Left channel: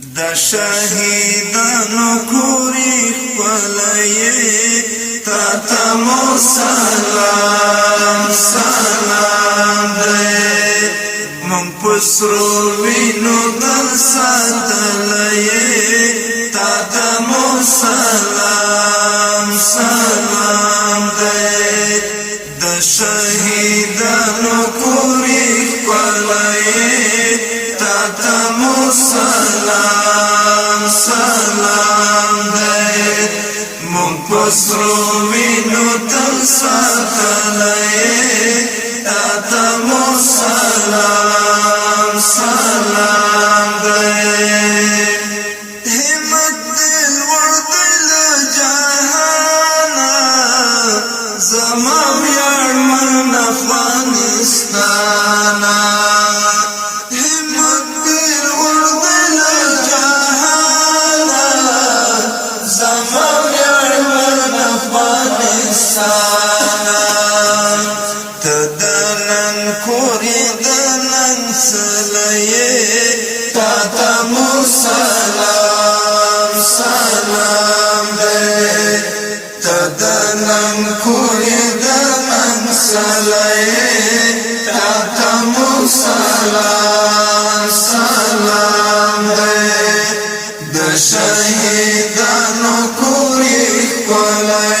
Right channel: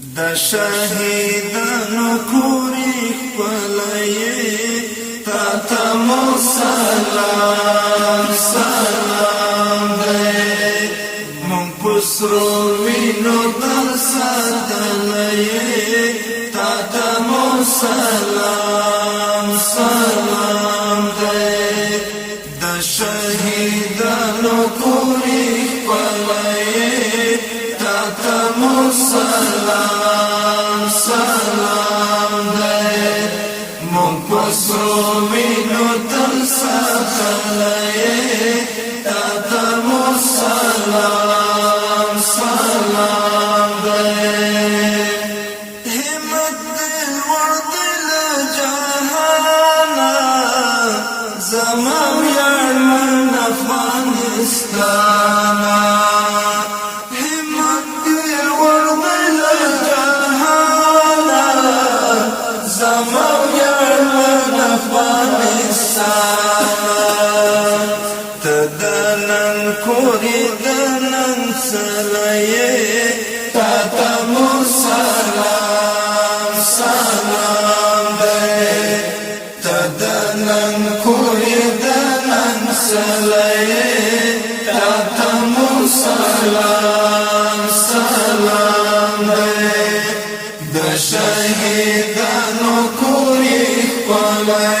د شهیدانو کورې خپلې تا ته مو سلام سلام دی مونږ په سرو وینو در ساتلی تا ته مو سلام سلام دی د شهیدانو کورې خپلې تا ته مو سلام سلام دی مونږ په سرو وینو تل ساتلی تا ته مو سلام سلام دی همت دې لوړ دی له جهانه زما ویاړمن افغانستانه تدنن کوری دنن سلیه تا تمو سلام سلام دی تدنن کوری دنن سلیه تا تمو سلام سلام دی د شهیدانو کوری خپلې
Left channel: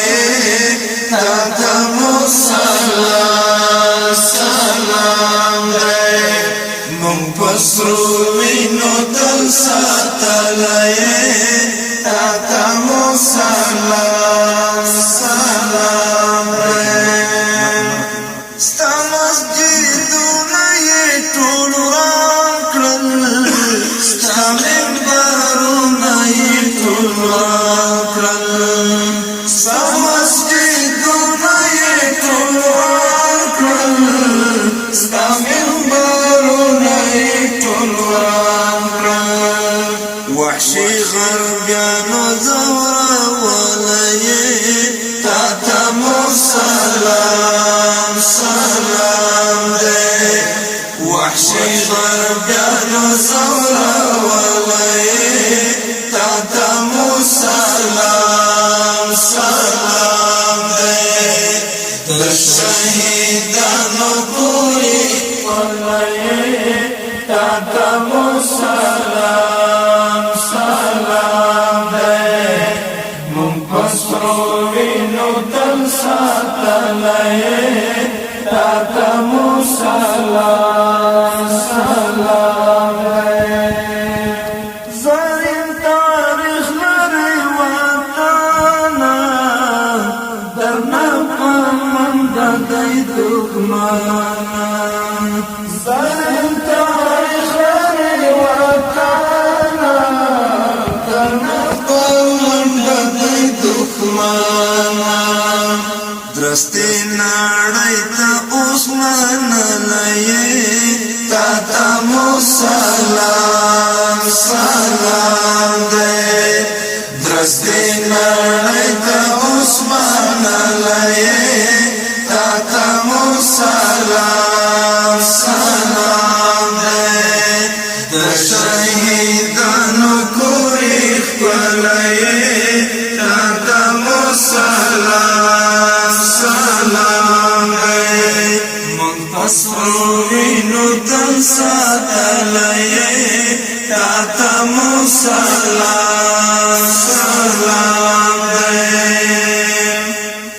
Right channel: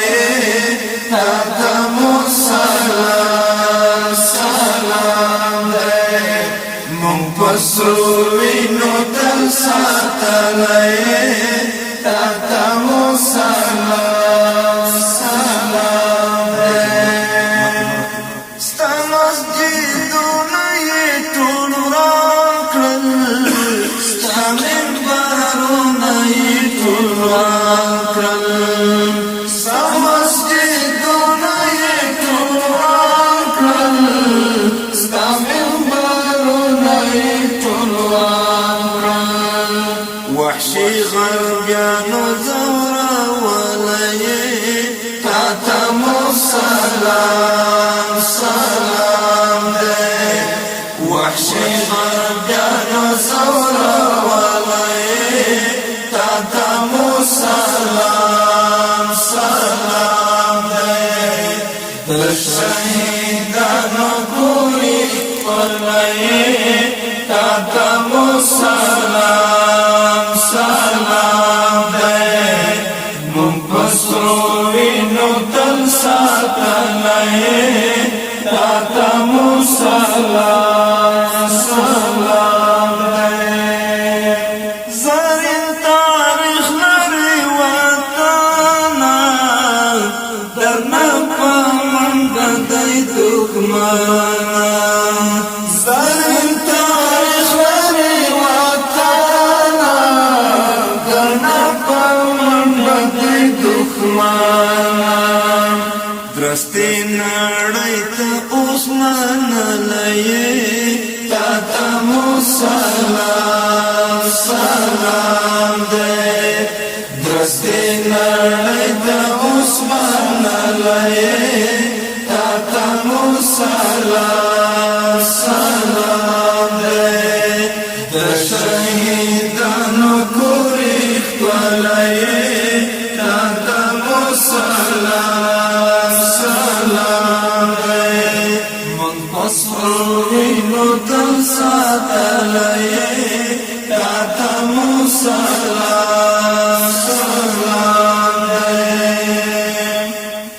تا تمو سلام سلام دی مونږ په سرو وینو تل ساتلی تا تمو سلام سلام دی ستا مسجدونه یې ټول وران کړل ستا منبرونه یې ټول وران کړل ستا مسجدونه یې ټول وران کړل ستا منبرونه یې ټول وران کړل وحشي غربیانو ځورولی تا ته مو سلام سلام دی وحشي غربیانو ځورولی تا ته مو سلام سلام دی د شهیدانو کورې خپلې تا ته مو سلام سلام دی مونږ په سرو وینو تل ساتلی تا ته مو سلام سلام دی زرین تاریخ لري وطنه درنه په منډه دی دښمنه زرین تاریخ لري وطنه درنه په منډه دی دښمنه درستې نړۍ ته اوس منلی تا ته مو سلام سلام دی درستې نړۍ ته اوس منلی تا ته مو سلام سلام دی د شهیدانو کورې خپلې تا ته مو سلام سلام دی مونږ په سرو وینو تل ساتلی تا ته مو سلام سلام دی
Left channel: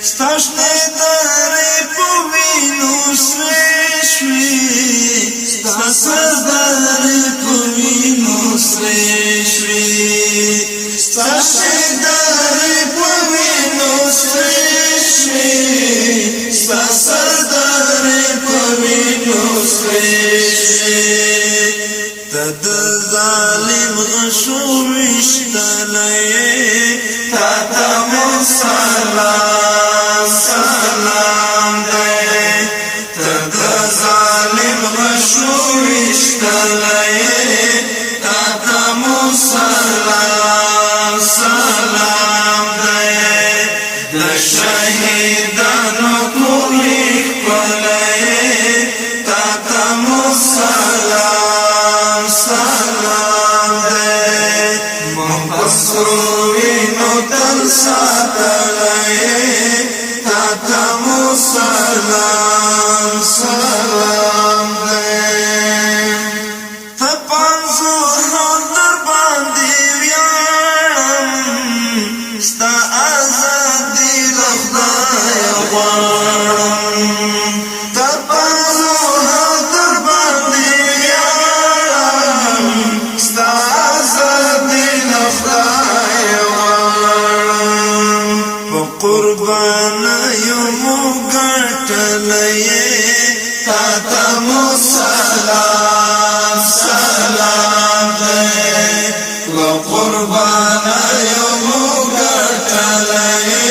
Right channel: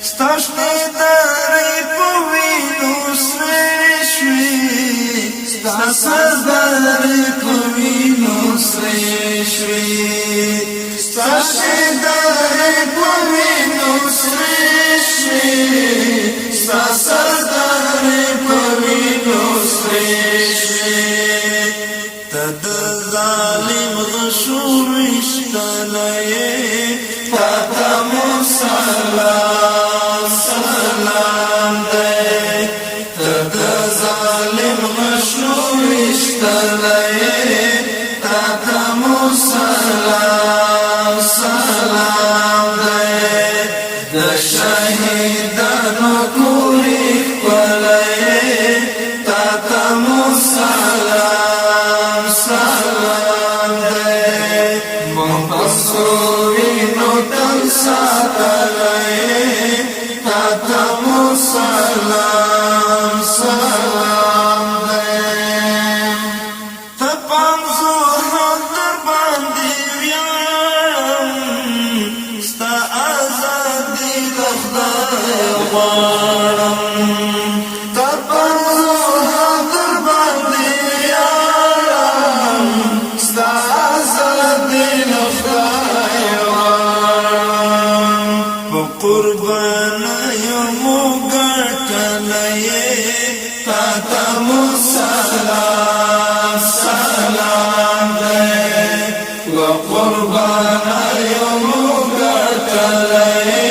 ستا شنې درې په وینو سرې شوې ستا سردارې په وینو سرې شوې ستا شنې درې په وینو سرې شوې ستا سردارې په وینو سرې شوې ته د ظالم غشو ویشتلی تا ته مو سلام سلام دی ته د ظالم غشو ویشتلی تا ته مو سلام سلام دی د شهیدانو کورې خپلې تا ته مو سلام سلام دی پسرو وینو تل ساتلای تا تمو سلام سلام دی تپانزو حضر باندی ویارم ستا آزادی لخدای غوارم تپانزو حضر باندی ویارم ستا آزادی لخدای غوارم پا قربان یمو گٹلئی تا تمو سلام سلام دی وقربان یمو گٹلئی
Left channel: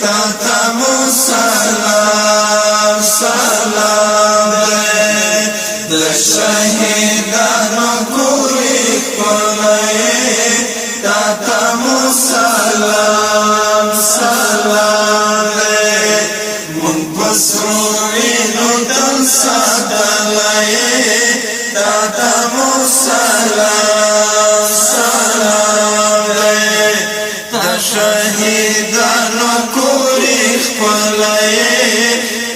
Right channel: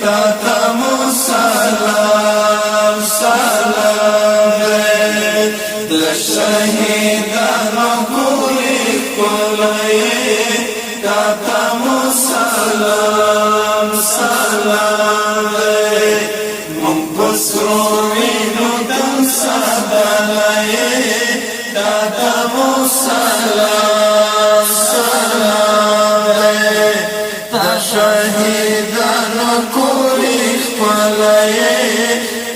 تا تمو سلام سلام دی د شهیدانو کوری کولئی تا تمو سلام سلام دی من پسرو وینو تل ساتلئی تا تمو سلام سلام دی تا شهیدانو کوری خپلئی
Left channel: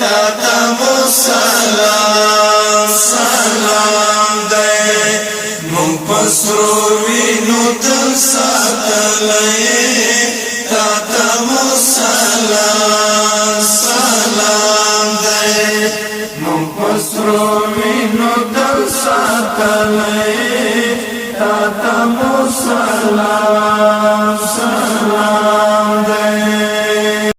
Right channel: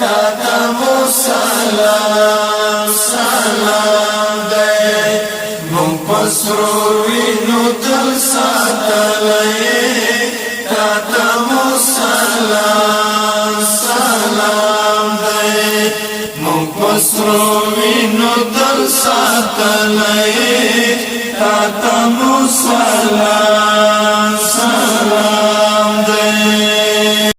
تا تمو سلام سلام دی من پسرو وینو تل ساتلئی تا تمو سلام سلام دی من پسرو وینو تل ساتلئی تا تمو سلام